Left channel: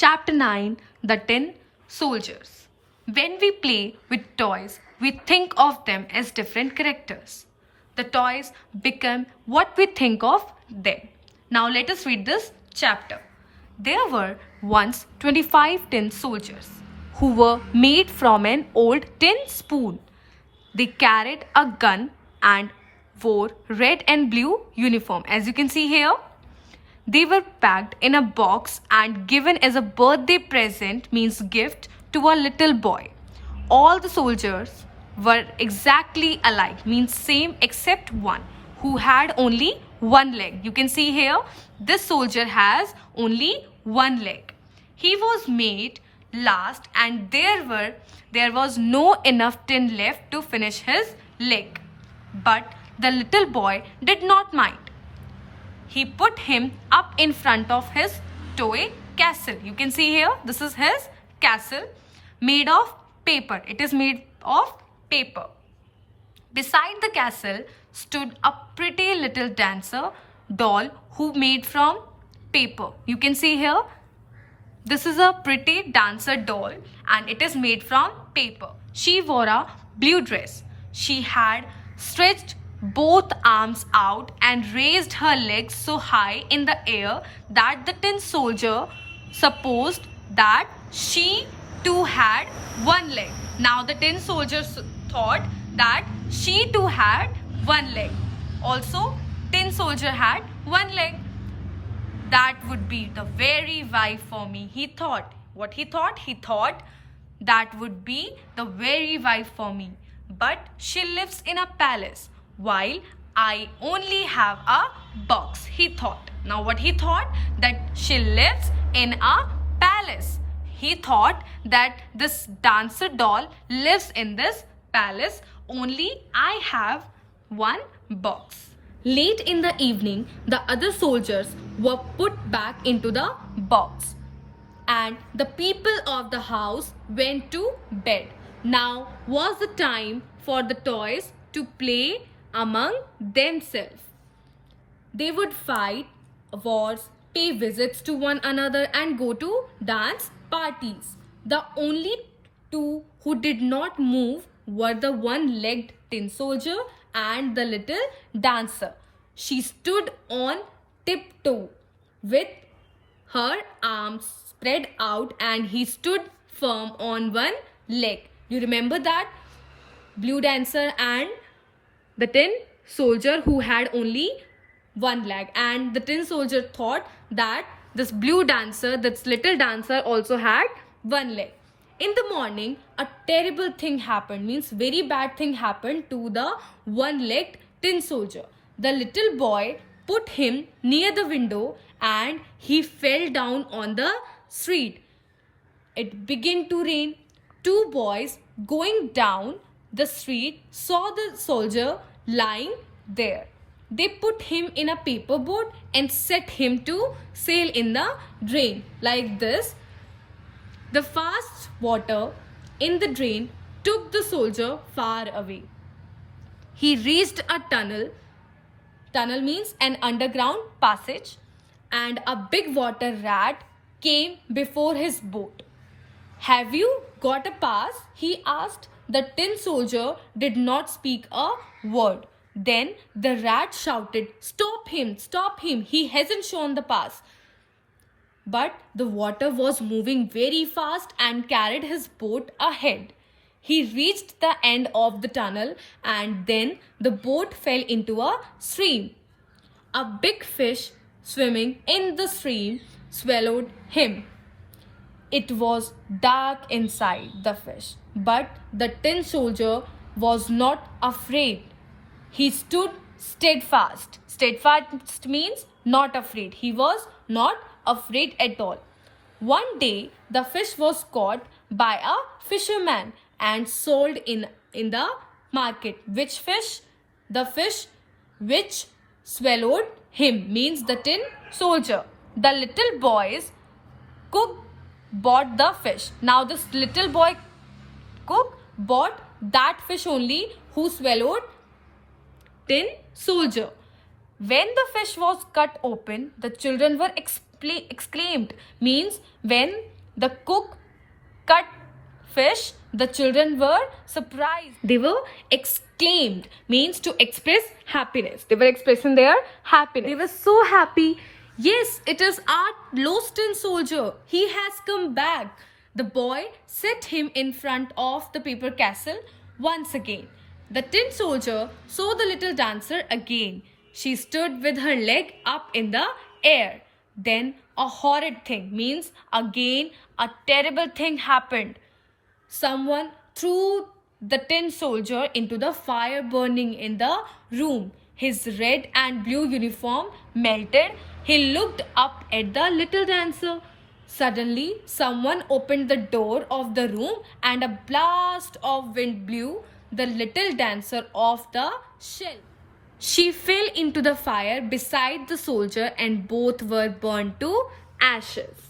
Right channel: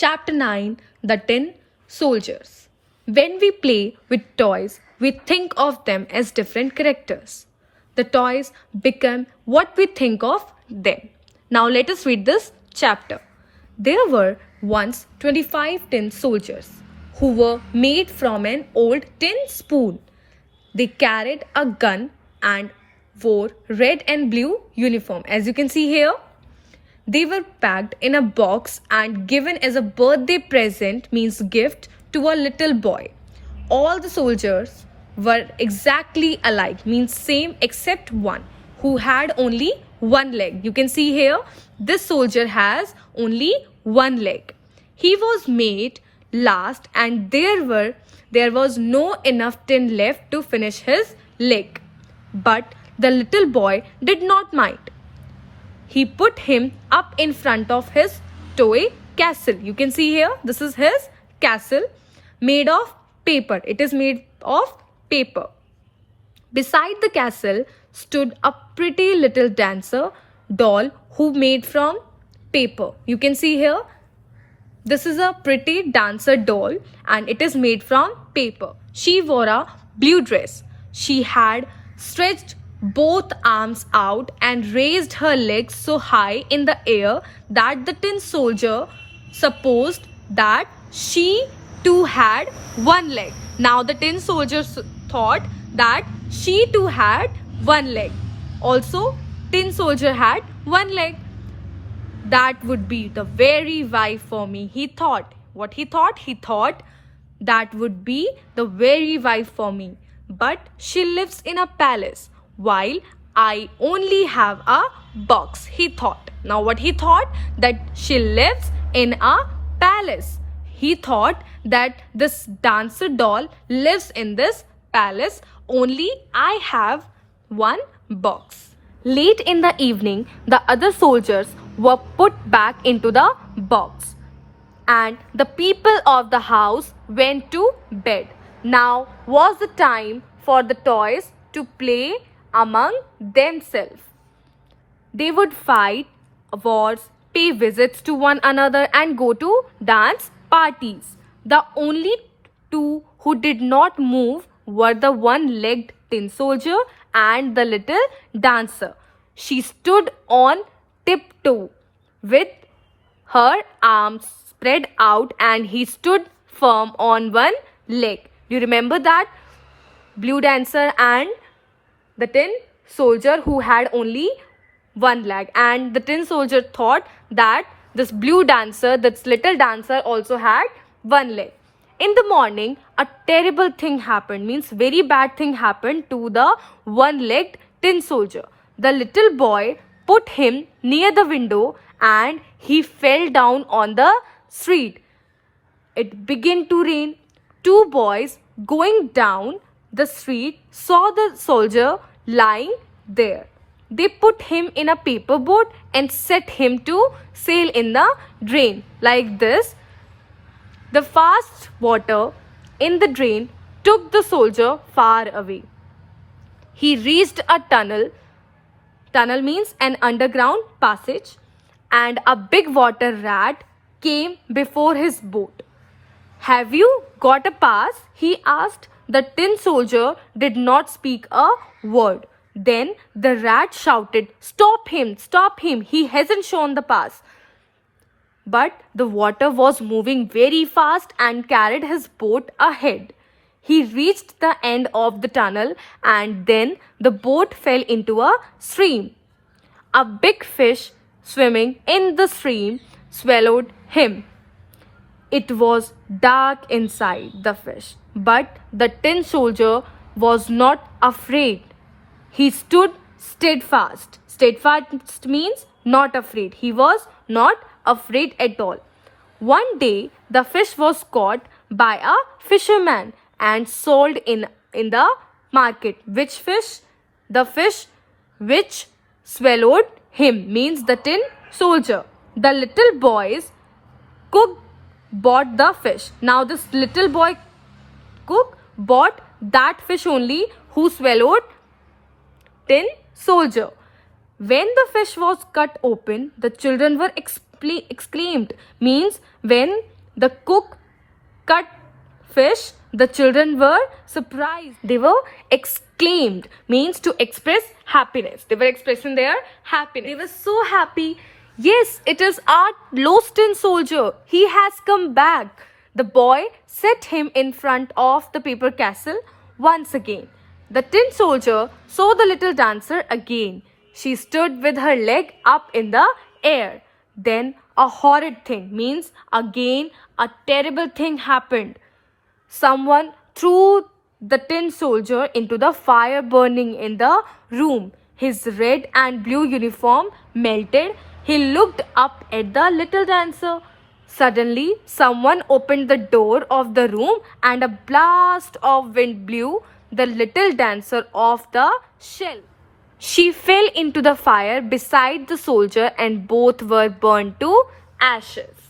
Chapter 9, The Tin Soldiers. When we play with toys, we think of them as different characters. The toys become what we think of them. Now let us read this chapter. There were once 25 tin soldiers who were made from an old tin spoon. They carried a gun and wore red and blue uniform. As you can see here, they were packed in a box and given as a birthday present, means gift, to a little boy. All the soldiers were exactly alike, means same except one who had only one leg. You can see here, this soldier has only one leg. He was made last and there was no enough tin left to finish his leg. But the little boy did not mind. He put him up in front of his toy castle. You can see here, this is his castle made of paper. It is made of paper. Beside the castle stood a pretty little dancer doll who made from paper. You can see here, this is a pretty dancer doll and it is made from paper. She wore a blue dress. She had stretched both arms out and raised her legs so high in the air that the tin soldier supposed that she too had one leg. Now the tin soldier thought that she too had one leg. Also, tin soldier had one leg. That would be the very wife for me, he thought. What he thought? He thought that would be the very wife for me. But she lives in a palace while I only have a box, he thought. Now what he thought? That she lives in a palace. He thought that this dancer doll lives in this palace, only I have one box. Late in the evening, the other soldiers were put back into the box and the people of the house went to bed. Now was the time for the toys to play among themselves. They would fight wars, pay visits to one another and go to dance parties. The only two who did not move were the one-legged tin soldier and the little dancer. She stood on tiptoe with her arms spread out and he stood firm on one leg. Do you remember that? Blue dancer and the tin soldier who had only one leg, and the tin soldier thought that this blue dancer, this little dancer, also had one leg. In the morning, a terrible thing happened, means very bad thing happened to the one-legged tin soldier. The little boy put him near the window and he fell down on the street. It began to rain. Two boys going down the street saw the soldier lying there. They put him in a paper boat and set him to sail in the drain. Like this, the fast water in the drain took the soldier far away. He reached a tunnel. Tunnel means an underground passage, and a big water rat came before his boat. Have you got a pass? He asked. The tin soldier did not speak a word. Then the rat shouted, "Stop him! Stop him! He hasn't shown the pass." But the water was moving very fast and carried his boat ahead. He reached the end of the tunnel and then the boat fell into a stream. A big fish swimming in the stream swallowed him. It was dark inside the fish, but the tin soldier was not afraid. He stood steadfast. Steadfast means not afraid. He was not afraid at all. One day, the fish was caught by a fisherman and sold in the market. Which fish? The fish which swallowed him, means the tin soldier. The little boy's cook bought the fish. Now this little boy cook bought that fish only who swallowed tin soldier. When the fish was cut open, the children were exclaimed means when the cook cut fish, the children were surprised. They were exclaimed means to express happiness. They were expressing their happiness. They were so happy. Yes, it is our lost tin soldier. He has come back. The boy set him in front of the paper castle once again. The tin soldier saw the little dancer again. She stood with her leg up in the air. Then a horrid thing means again a terrible thing happened. Someone threw the tin soldier into the fire burning in the room. His red and blue uniform melted. He looked up at the little dancer. Suddenly, someone opened the door of the room and a blast of wind blew the little dancer off the shelf. She fell into the fire beside the soldier and both were burned to ashes.